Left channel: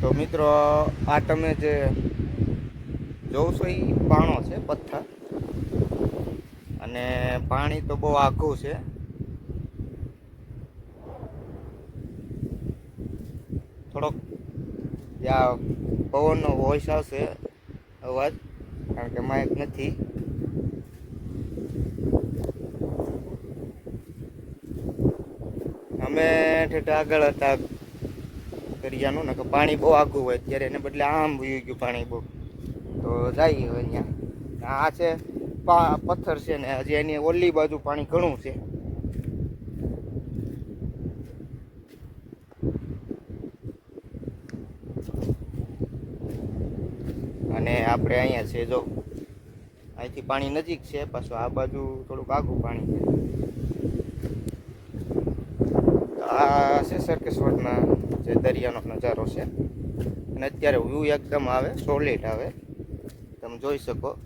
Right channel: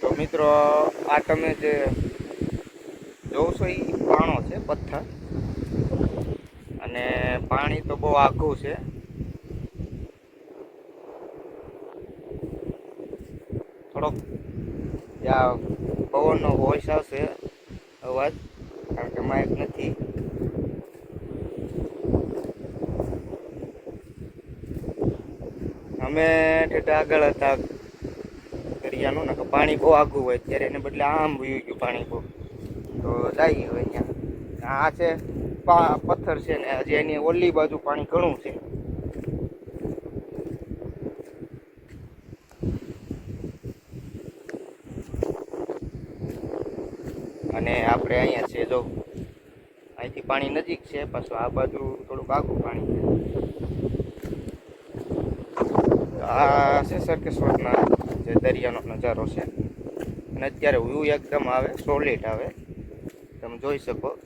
તો મિત્રો, આ તમે જે જોશો એ પાણો છે, પથ્થર. અને પાણી તો બહુ આઘું છે. થોડોક ત્યાં પવનનો વોઇસ આવશે, અવાજ, કારણ કે માઇક નથી. અમે ઠેઠ આગળ હતા. દરિયાનું ને પાણી બહુ આઘું હોય ત્યારે એને બદલે આમ વયું ગયું પાણી બહુ. તો જાય ગયું અહીંયા. આ છે પથ્થર છે ને હજી એની ઓલી બાજુ પાણી ઘણું છે. અને આપણે અહીંયા છે જો, અહીંથી પાણી નજીક છે, પાછું આ બાજુ થોડુંક આઘું પાણી. આ છે સરકેશ્વરના જે દરિયાનો નજારો છે. અને અત્યારે વ્યૂ એકદમ આવે સોલિડ આવે. તમે જોઈ શકો.